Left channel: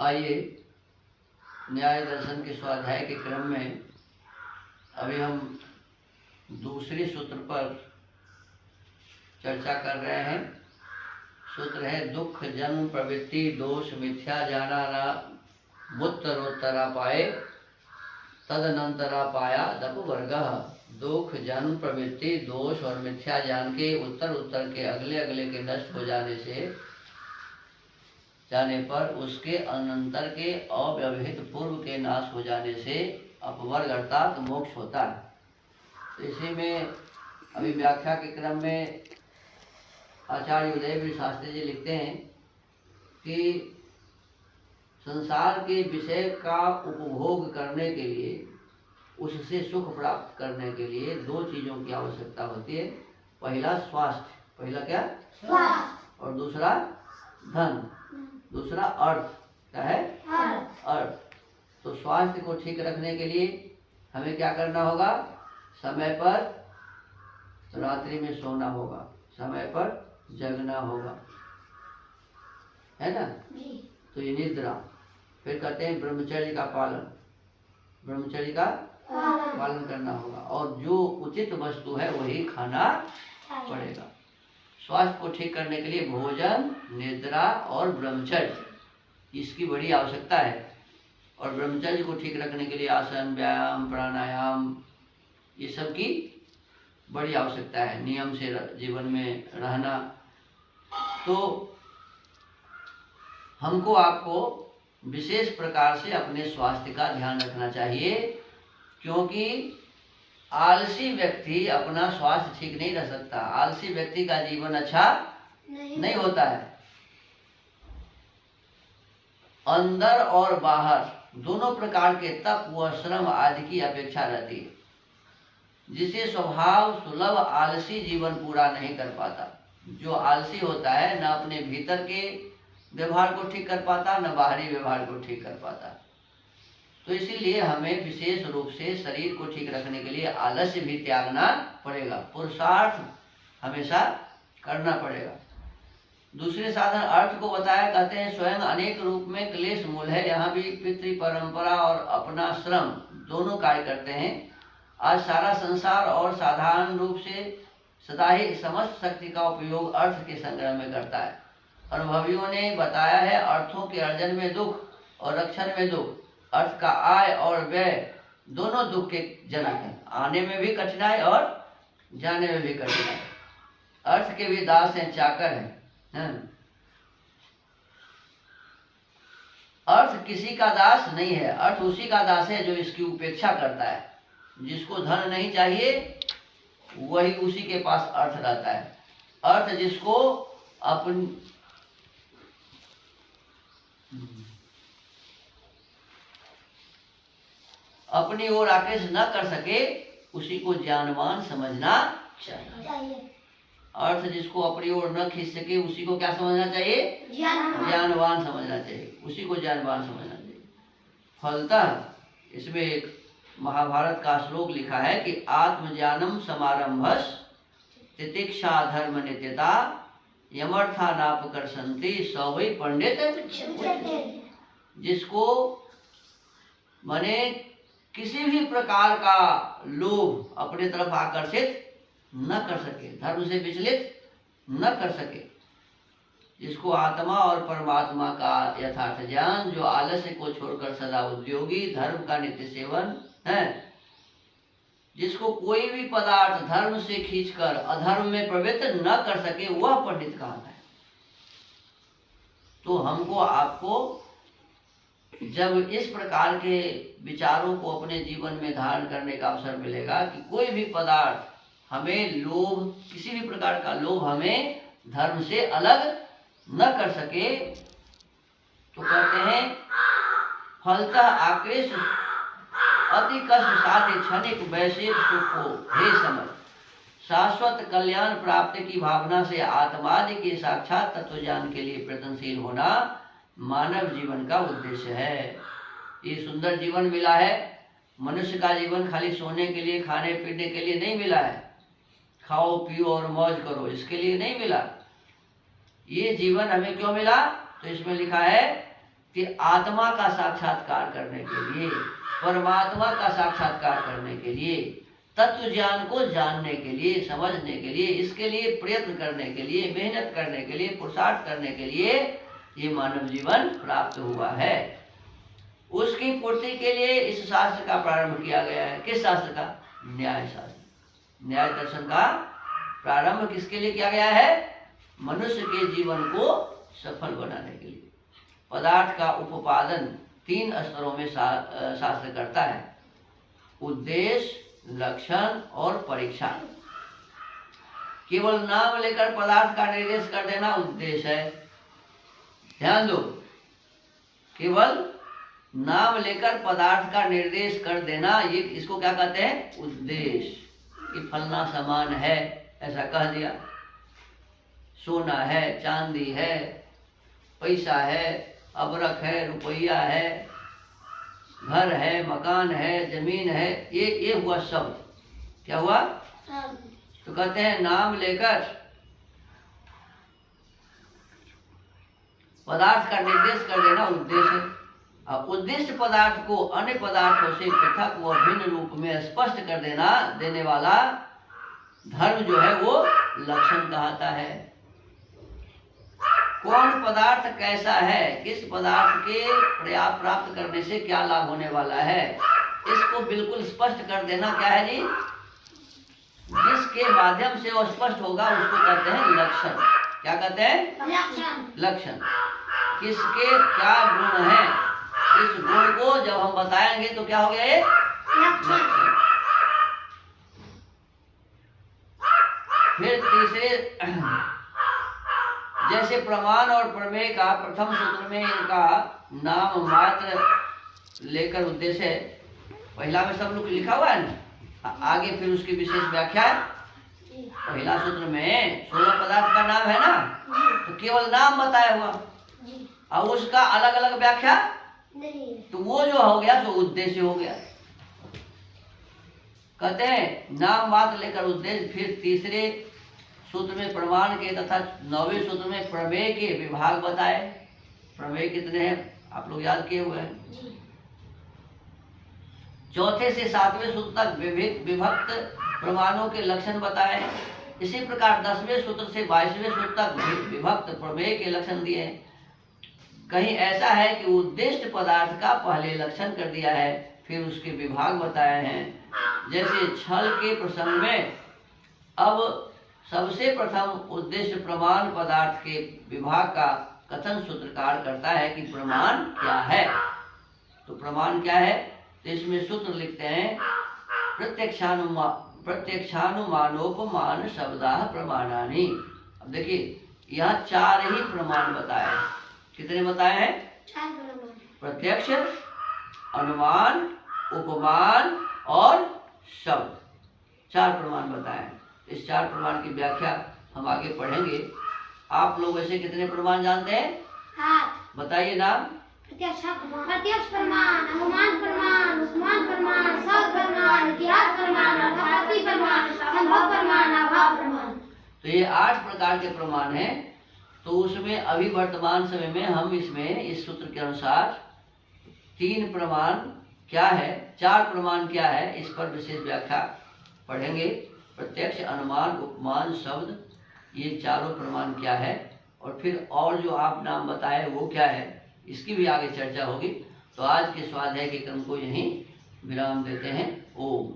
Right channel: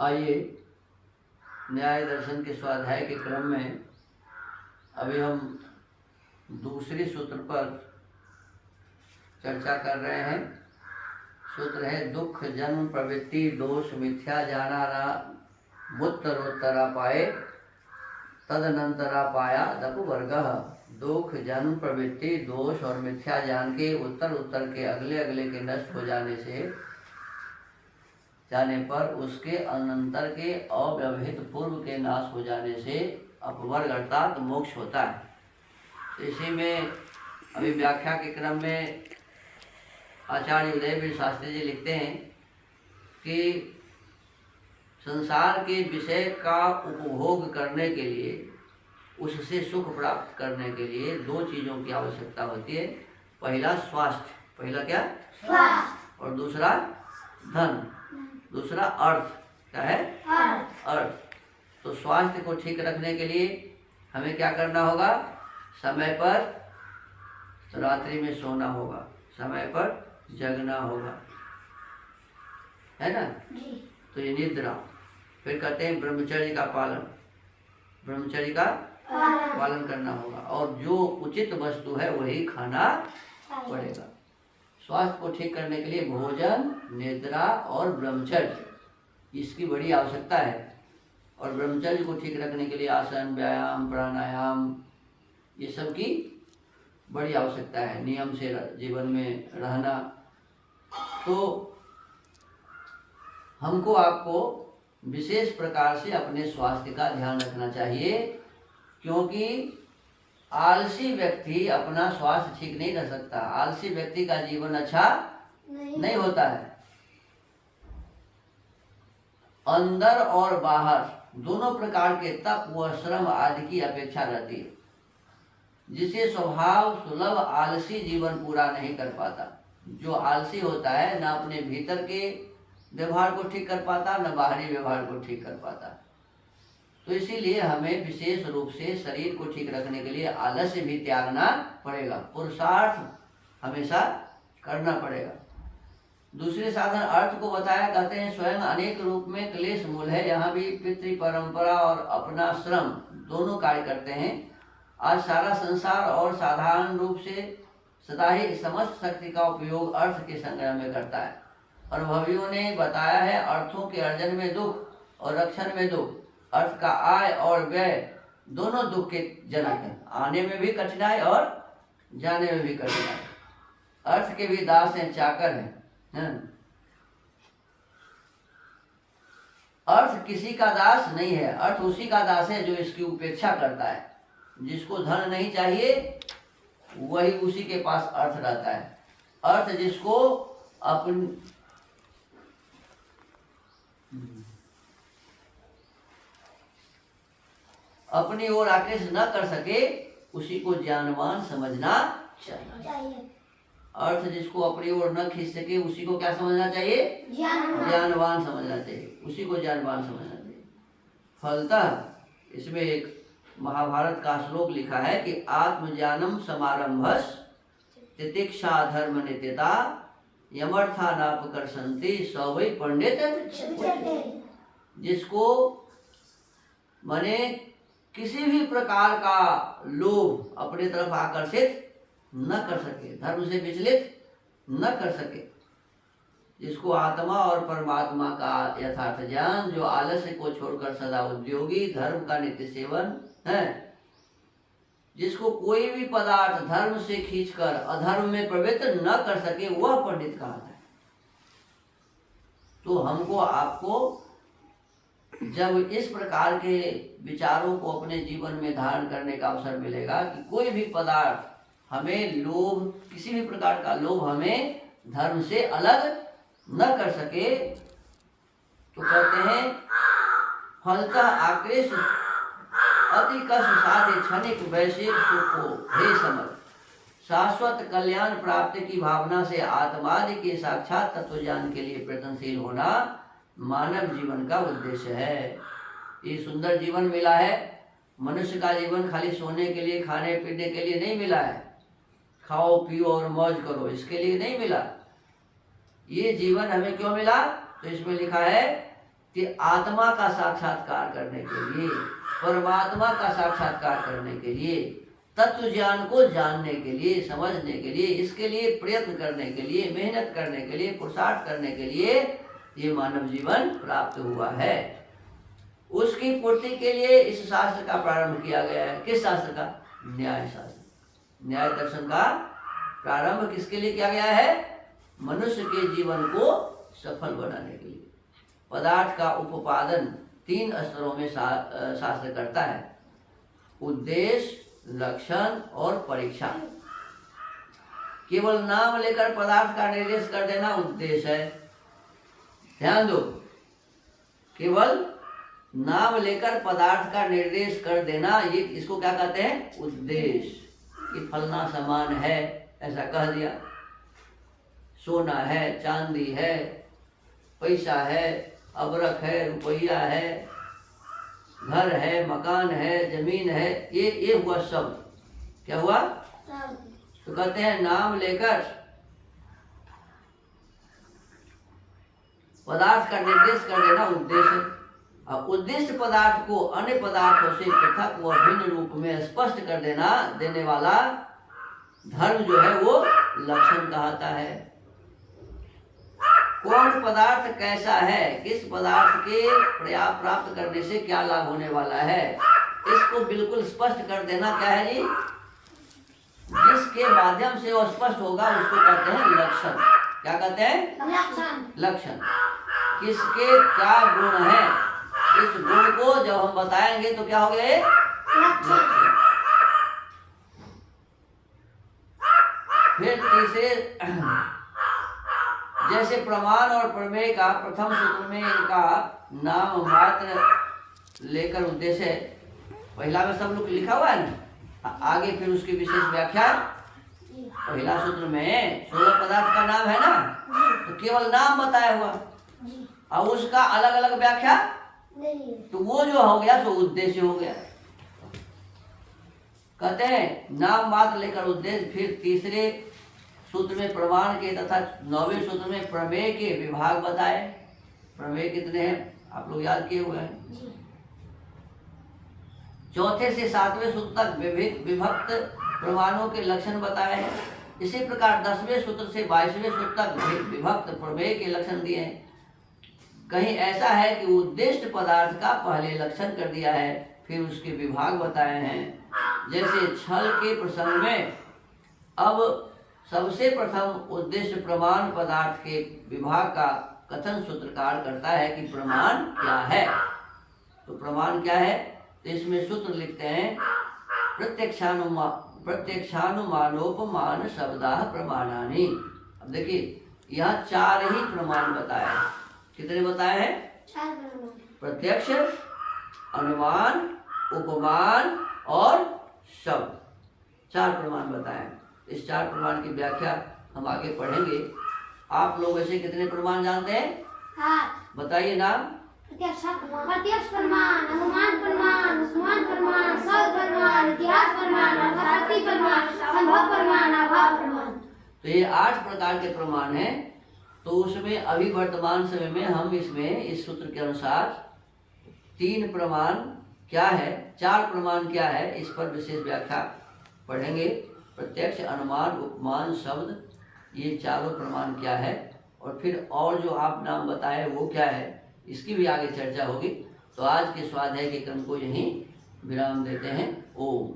आइए न्याय दर्शन के स्वाध्याय के क्रम में अभी हम दूसरे सूत्र पर चर्चा कर रहे हैं। सूत्र है दुख जन्म प्रवृत्ति दोष मिथ्या जाना मुत्तरोत्तरा पाए तदनंतरा पाया दप वर्ग। दुख जन्म प्रवृत्ति दोष और मिथ्या ज्ञान के उत्तर उत्तर के अगले अगले के नष्ट हो जाने पर उसके अनंतर के अव्यवहित पूर्व के नाश हो जाने से अपवर्ग अर्थात मोक्ष होता है। तो इसी में अभी व्याख्या के क्रम में आचार्य उदयवीर शास्त्री जी लिखते हैं कि संसार के विषय का उपभोग करने के लिए, उससे सुख प्राप्त करने के लिए दो चीज़ों की आवश्यकता होती है। पहला स्वास्थ्य, पहला क्या? स्वास्थ्य। और दूसरा धन, दूसरा अर्थ। क्या है? अर्थ। तो स्वास्थ्य को ठीक रखने के लिए हमें क्या करना होगा? समय पर रात्रि में सोना होगा, समय पर जगना होगा, है ना? तो ये निद्रा। फिर कहते हैं ब्रह्मचर्य का पालन, ब्रह्मचर्य का पालन करना होगा और जो उचित वस्तु है वही खाना पड़ेगा। स्वास्थ्य को ठीक करने के लिए भोजन, निद्रा और ब्रह्मचर्य, इसकी बड़ी आवश्यकता है। और ब्रह्मचर्य को ठीक रखने के लिए आसन, व्यायाम, प्राणायाम, ये सब की बड़ी आवश्यकता है। नियम से जीवन में रहना। तो हमको आपको विशेष प्रकार से अपने स्वास्थ्य का ध्यान रखना चाहिए, क्योंकि आलसी व्यक्ति अपना स्वास्थ्य ठीक नहीं रख सकता। आलसी व्यक्ति का जीवन अच्छा नहीं होता है। अंदर और बाहर दोनों प्रकार के तप व श्रम आदि की अपेक्षा रहती है, जिसे स्वभाव सुलभ आलसी जीवन पूरा नहीं कर पाता। जो आलसी होता है न अपने भीतर के व्यवहार को ठीक कर पाता, न बाहरी व्यवहार को ठीक कर पाता। तो इसीलिए हमें विशेष रूप से शरीर को ठीक रखने के लिए आलस्य भी त्यागना पड़ेगा, पुरुषार्थ हमेशा करना पड़ेगा। दूसरे साधन अर्थ को बताया, कहते हैं स्वयं अनेक रूप में क्लेश मूल है। यहाँ भी पितृ परंपरा और अपना श्रम दोनों कार्य करते हैं। आज सारा संसार और साधारण रूप से सदा ही समस्त शक्ति का उपयोग अर्थ के संग्रह में करता है। अनुभवियों ने बताया है अर्थों के अर्जन में दुख और रक्षण में दुख। अर्थ का आय और व्यय दोनों दुख के जनक हैं। आने में भी कठिनाई और जाने में भी कठिनाई। अर्थ के भी दास हैं, चाकर हैं। अर्थ किसी का दास नहीं है, अर्थ उसी का दास है जो इसकी उपेक्षा करता है। जिसको धन नहीं चाहिए वही उसी के पास अर्थ रहता है। अर्थ जिसको अपनी ओर आकृष्ट न कर सके उसी को ज्ञानवान समझना चाहिए। अर्थ जिसको अपनी ओर न खींच सके उसी को क्या समझना चाहिए? ज्ञानवान समझना चाहिए, उसी को ज्ञानवान समझना चाहिए। फलतः इसमें एक महाभारत का श्लोक लिखा है कि आत्मज्ञानम समारंभस तितिक्षा धर्म नित्यता यमर्था नापकर्षन्ति स वै पंडित। जिसको माने किसी भी प्रकार का लोभ अपने तरफ आकर्षित न कर सके, धर्म से विचलित न कर सके, जिसको आत्मा और परमात्मा का यथार्थ ज्ञान, जो आलस्य को छोड़कर सदा उद्योगी, धर्म का नित्य सेवन है, जिसको कोई भी पदार्थ धर्म से खींचकर अधर्म में प्रवृत्त न कर सके, वह पंडित कहलाता है। तो हमको आपको जब इस प्रकार के विचारों को अपने जीवन में धारण करने का अवसर मिलेगा कि कोई भी पदार्थ हमें लोभ, किसी भी प्रकार का लोभ हमें धर्म से अलग न कर सके, तो कहते हैं फलतः आकृष्ट अति कष्ट साध्य क्षणिक वैश्विक सुख को हे समझ शाश्वत कल्याण प्राप्ति की भावना से आत्मादि के साक्षात तत्व ज्ञान के लिए प्रयत्नशील होना मानव जीवन का उद्देश्य है। ये सुंदर जीवन मिला है। मनुष्य का जीवन खाली सोने के लिए, खाने पीने के लिए नहीं मिला है, खाओ पियो और मौज करो इसके लिए नहीं मिला। ये जीवन हमें क्यों मिला? तो इसमें लिखा है कि आत्मा का साक्षात्कार करने के लिए, परमात्मा का साक्षात्कार करने के लिए, तत्व ज्ञान को जानने के लिए, समझने के लिए, इसके लिए प्रयत्न करने के लिए, मेहनत करने के लिए, पुरुषार्थ करने के लिए ये मानव जीवन प्राप्त हुआ है। उसकी पूर्ति के लिए इस शास्त्र का प्रारंभ किया गया है। किस शास्त्र का? न्याय शास्त्र। न्याय दर्शन का प्रारंभ किसके लिए किया गया है? मनुष्य के जीवन को सफल बनाने के लिए। पदार्थ का उपादान 3 स्तरों में शास्त्र करता है: उद्देश्य, लक्षण और परीक्षा। केवल नाम लेकर पदार्थ का निर्देश कर देना उद्देश्य है। ध्यान दो, केवल नाम लेकर पदार्थ का निर्देश कर देना, ये इसको क्या कहते हैं? उद्देश्य। कि फलना सामान है, ऐसा कह दिया। सोना है, चांदी है, पैसा है, अबरख है, रुपया है, घर है, मकान है, जमीन है, ये हुआ शब्द। क्या हुआ? तो कहते हैं नाम लेकर पदार्थ का निर्देश कर देना उद्देश्य। और उद्देश्य पदार्थ को अन्य पदार्थों से पृथक व भिन्न रूप में स्पष्ट कर देने वाला धर्म जो है वो लक्षण कहता है। कौन पदार्थ कैसा है, किस पदार्थ के प्राप्त करने से क्या लाभ होने वाला है, इसको बिल्कुल स्पष्ट कर देना क्या है जी? जिसके माध्यम से वो स्पष्ट होगा उसको कहते हैं लक्षण। क्या कहते हैं? लक्षण। किसके क्या गुण है, इस गुण को जब हम बताएंगे तो क्या हो गया? ये लक्षण। फिर तीसरे, जैसे प्रमाण और प्रमेय का प्रथम सूत्र में इनका नाम मात्र लेकर उद्देश्य है। पहला में सब लोग लिखा हुआ है ना, आगे फिर उसकी विशेष व्याख्या है। पहला सूत्र में 16 पदार्थ का नाम है ना, तो केवल नाम बताया हुआ और उसका अलग अलग व्याख्या नहीं, तो वो जो हो गया सो उद्देश्य हो गया। कहते हैं नाम मात्र लेकर उद्देश्य। फिर तीसरे सूत्र में प्रमाण के तथा 9वें सूत्र में प्रमेय के विभाग बताए। प्रमेय कितने हैं आप लोग याद किए हुए हैं? चौथे से 7वें सूत्र तक विभक्त प्रमाणों के लक्षण बताए हैं। इसी प्रकार 10वें सूत्र से 22वें सूत्र तक विभक्त प्रमेय के लक्षण दिए हैं। कहीं ऐसा है कि उद्देश्य पदार्थ का पहले लक्षण कर दिया है, फिर उसके विभाग बताए हैं। जैसे छल के प्रसंग में अब सबसे प्रथम उद्देश्य प्रमाण पदार्थ के विभाग का कथन सूत्रकार करता है कि प्रमाण क्या है। तो प्रमाण क्या है? तो इसमें सूत्र लिखते हैं प्रत्यक्षानुमानोपमान शब्दाः प्रमाणानि। अब देखिए यहाँ 4 ही प्रमाण बताए हैं। कितने बताए हैं? 4 प्रमाण। प्रत्यक्ष, अनुमान, उपमान और शब्द, 4 प्रमाण बताए हैं। इस 4 प्रमाण की व्याख्या हम आगे पढ़ेंगे। आप लोग ऐसे कितने प्रमाण जानते हैं? 8। बताइए नाम। प्रत्यक्ष प्रमाण, अनुमान प्रमाण, उपमान प्रमाण, शब्द प्रमाण, इतिहास प्रमाण, अर्थार्थी प्रमाण, संभव प्रमाण, अभाव प्रमाण। तो ये 8 प्रकार के प्रमाण हैं। तो उसमें अभी वर्तमान समय में हम इसमें इस सूत्र के अनुसार 3 प्रमाण क्या है, 4 प्रमाण क्या है, इस पर विशेष व्याख्या पढ़ेंगे। प्रत्यक्ष, अनुमान, उपमान, शब्द, ये चारों प्रमाण क्या है, और फिर और जो आप नाम बताए वो क्या है, इसकी भी आगे चर्चा होगी। तो आज के स्वाध्याय के क्रम को यहीं विराम देते हैं। ओम।